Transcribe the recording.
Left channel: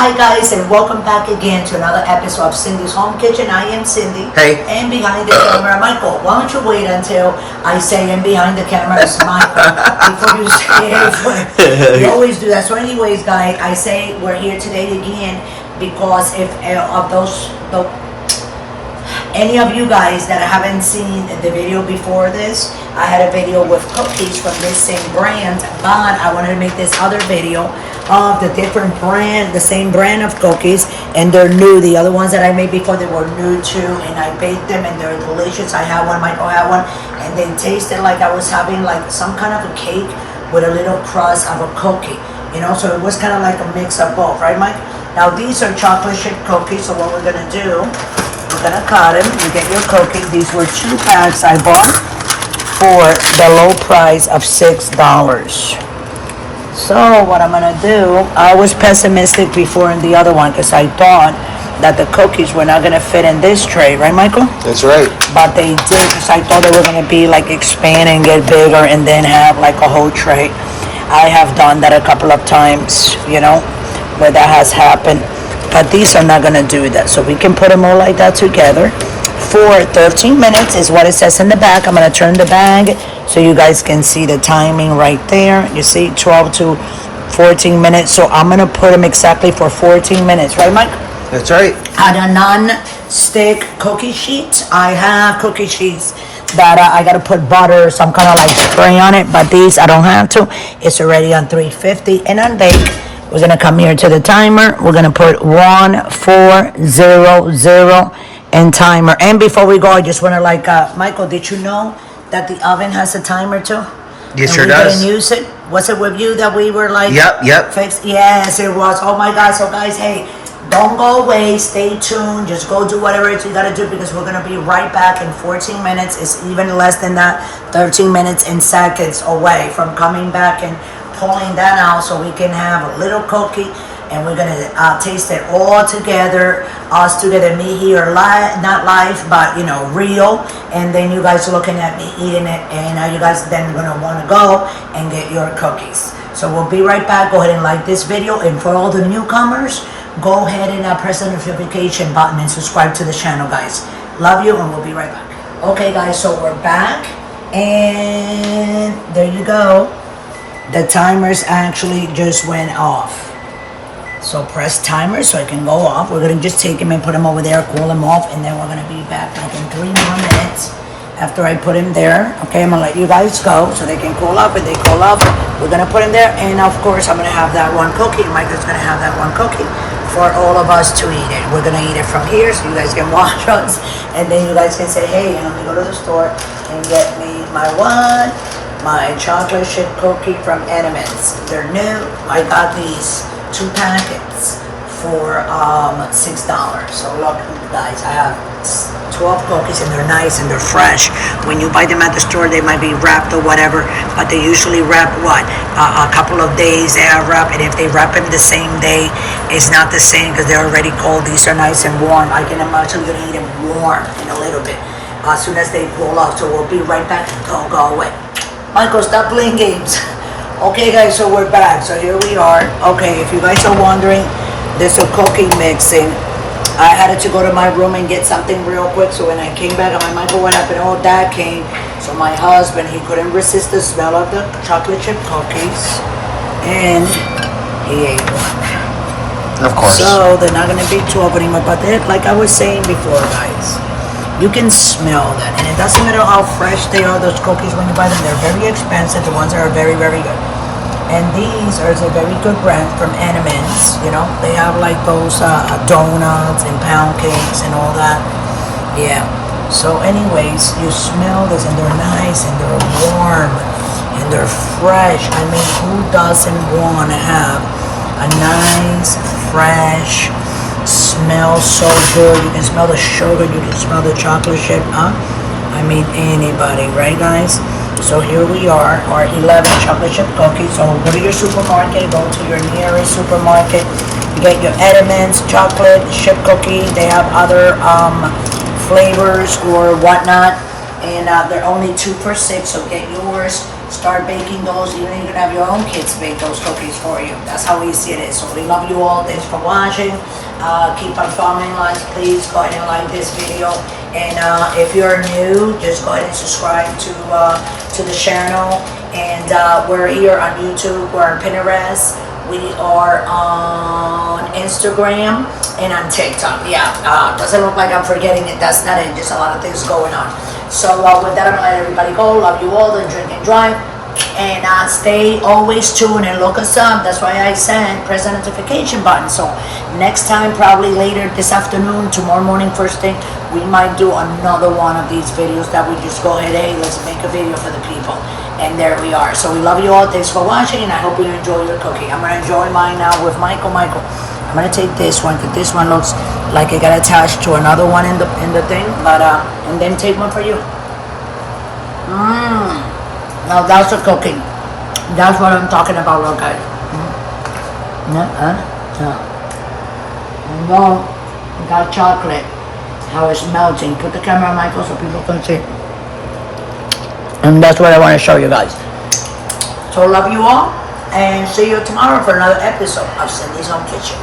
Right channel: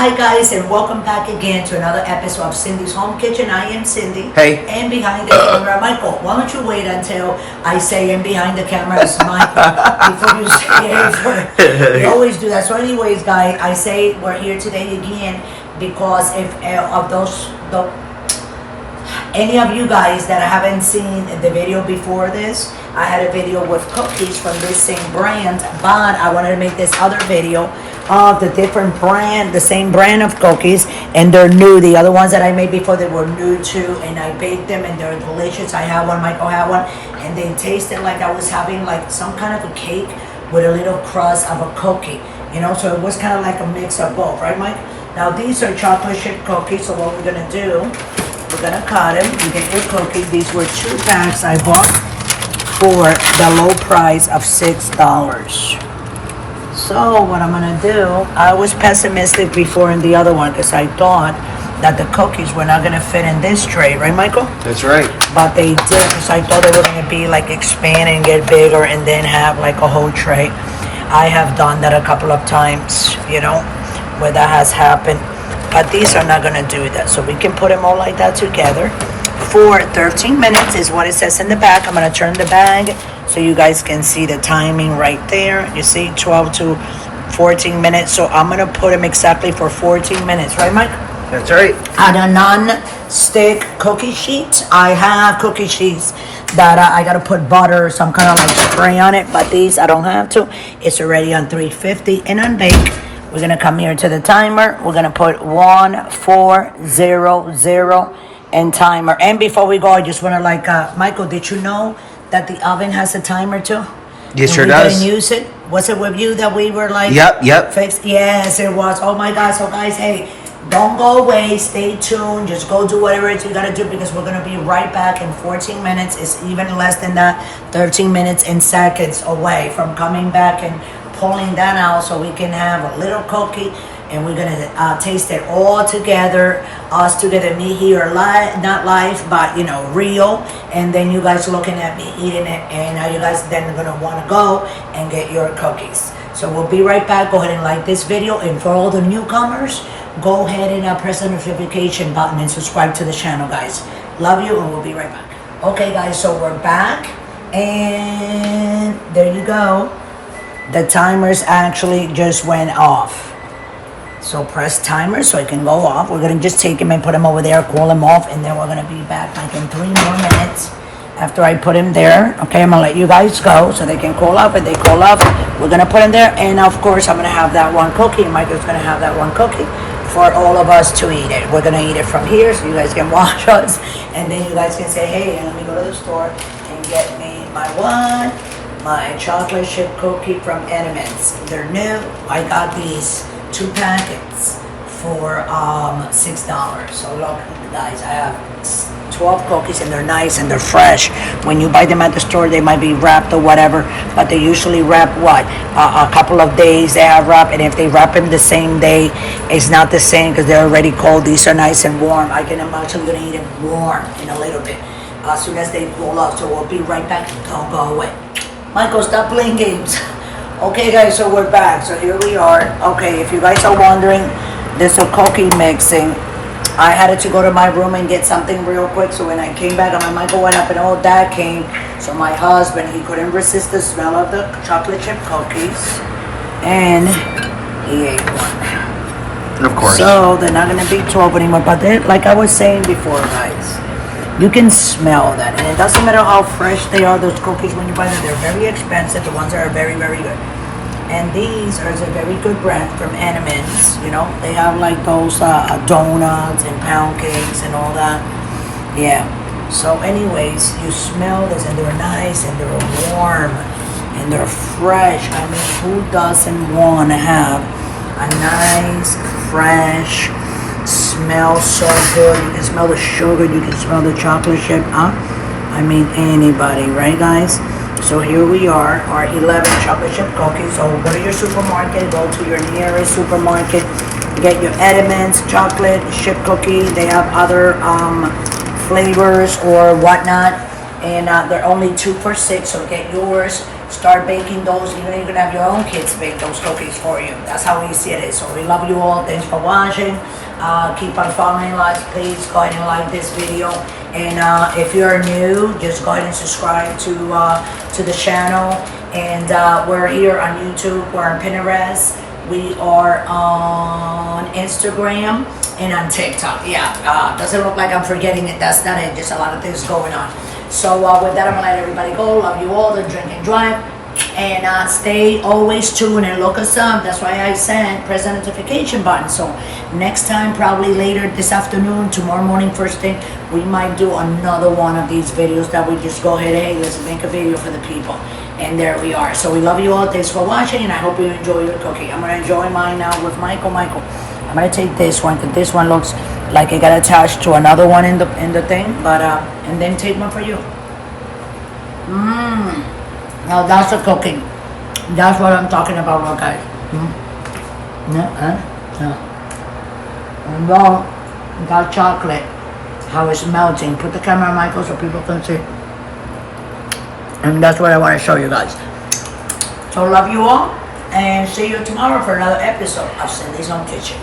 Hi guys, and welcome back again to another episode of Cindy's Home Kitchen. I am Cindy. Hey. And behind the camera, Michael. Why don't you wait until I say and behind the camera is Michael before you say it. You always do that. So anyways, guys, I say we're here today again because if any of you guys that haven't seen the video before this, I had a video with cookies from this same brand, but I wanted to make this other video of the different brand, the same brand of cookies, and they're new. The other ones that I made before, they were new too, and I baked them and they're delicious. I had one, Michael had one, and they tasted like I was having like some kind of a cake with a little crust of a cookie, you know, so it was kind of like a mix of both, right, Mike? Now these are chocolate chip cookies, so what we're gonna do, we're gonna cut them. You get your cookies. These were 2 packs I bought for the low price of $6. So what I'm gonna do, I was pessimistic before in the other one because I thought that the cookies were not gonna fit in this tray, right, Michael? That's right. But they did, because I thought they were gonna be like expand and get bigger and then have like a whole tray. I have done that a couple of times, you know, where that has happened. But these are not gonna do that. So we can put them all like that together for 13 minutes is what it says in the back. I'm gonna turn the bag so you guys can see the timing right there. You see 12 to 14 minutes. So I'm gonna put them exactly for 14 minutes, right, Mike? That's right. On a non-stick cookie sheet, I have cookie sheets that I gotta put butter or some kind of like spray on it, but these I don't have to. It's already on 350 and on bake. We're gonna come here to the timer. We're gonna put 1400 and timer. And before we go, I just wanna like, Michael, did you know that the oven has a timer too? Yes, and sure does. We didn't use it. Was it with you that we were like? Yep. Fixed? Yes, it was. Oh my God. So guys, hey, don't go away. Stay tuned. Just go do whatever it is you gotta do because we're gonna be right back in 14 minutes. It's even less than that. 13 minutes and seconds away from coming back and pulling that out so we can have a little cookie and we're gonna taste it all together, us together, me here live, not live, but you know, real, and then you guys looking at me eating it, and now you guys then gonna wanna go and get your cookies. So we'll be right back. Go ahead and like this video, and for all the newcomers, go ahead and press the notification button and subscribe to the channel, guys. Love you, and we'll be right back. Okay guys, so we're back, and there you go. The timers actually just went off. So press timer so it can go off. We're gonna just take them and put them over there, cool them off, and then we're gonna be back like in 3 more minutes after I put them there. Okay, I'm gonna let you guys go so they can cool up. And they cool up, we're gonna put them there, and of course I'm gonna have that one cookie. Michael's gonna have that one cookie for all of us to eat it. We're gonna eat it from here so you guys can watch us, and then you guys can say, hey, let me go to the store and get me my chocolate chip cookie from Entenmann's. They're new. I got these 2 packets for $6. So look, guys, I have 12 cookies and they're nice and they're fresh. When you buy them at the store, they might be wrapped or whatever, but they usually wrap what? A couple of days they have wrapped, and if they wrap them the same day, it's not the same because they're already cold. These are nice and warm. I'm actually gonna eat them warm in a little bit as soon as they cool off. So we'll be right back. Don't go away. Michael, stop playing games. Okay guys, so we're back. So here we are. Okay, if you guys are wondering, this is a cookie mixing. I had to go to my room and get something real quick. So when I came back, I'm like, Michael, what happened? Oh, Dad came. So my husband, he couldn't resist the smell of the chocolate chip cookies. And he ate one. Of course. So they're not gonna be 12 anymore. But then, like I was saying before, guys, you can smell that, and it doesn't matter how fresh they are, those cookies, when you buy them, they're very expensive. The ones that are very, very good. And these are a very good brand from Entenmann's, you know. They have like those donuts and pound cakes and all that. Yeah. So anyways, you smell this, and they're nice, and they're warm, and they're fresh. I mean, who doesn't want to have a nice, fresh, smells so good? You can smell the sugar, you can smell the chocolate chip, huh? I mean, anybody, right guys? So here we are, our 11 chocolate chip cookies. So go to your supermarket, go to your nearest supermarket, get your Entenmann's chocolate chip cookie. They have other flavors or whatnot, and they're only 2 for $6, so get yours. start baking those. Even you can have your own kids bake those cookies for you. That's how easy it is. So we love you all. Thanks for watching. Keep on following us. Please go ahead and like this video. And if you're new, just go ahead and subscribe to the channel. And we're here on YouTube. We're on Pinterest. We are on Instagram and on TikTok. Yeah, doesn't look like I'm forgetting it. That's not it. Just a lot of things going on. So with that, I'm gonna let everybody go. Love you all. Don't drink and drive. And stay always tuned and look us up. That's why I said press the notification button. So next time, probably later this afternoon, tomorrow morning, first thing, we might do another one of these videos that we just go ahead, hey, let's make a video for the people. And there we are. So we love you all. Thanks for watching, and I hope you enjoy your cookie. I'm gonna enjoy mine now with Michael. I'm gonna take this one because this one looks like it got attached to another one in the thing. But and then take one for you. Now that's a cookie. That's what I'm talking about, look guys. And then got chocolate. How it's melting. Put the camera on Michael so people can see. And that's what I want to show you guys. So love you all, and see you tomorrow for another episode of Cindy's Home Kitchen.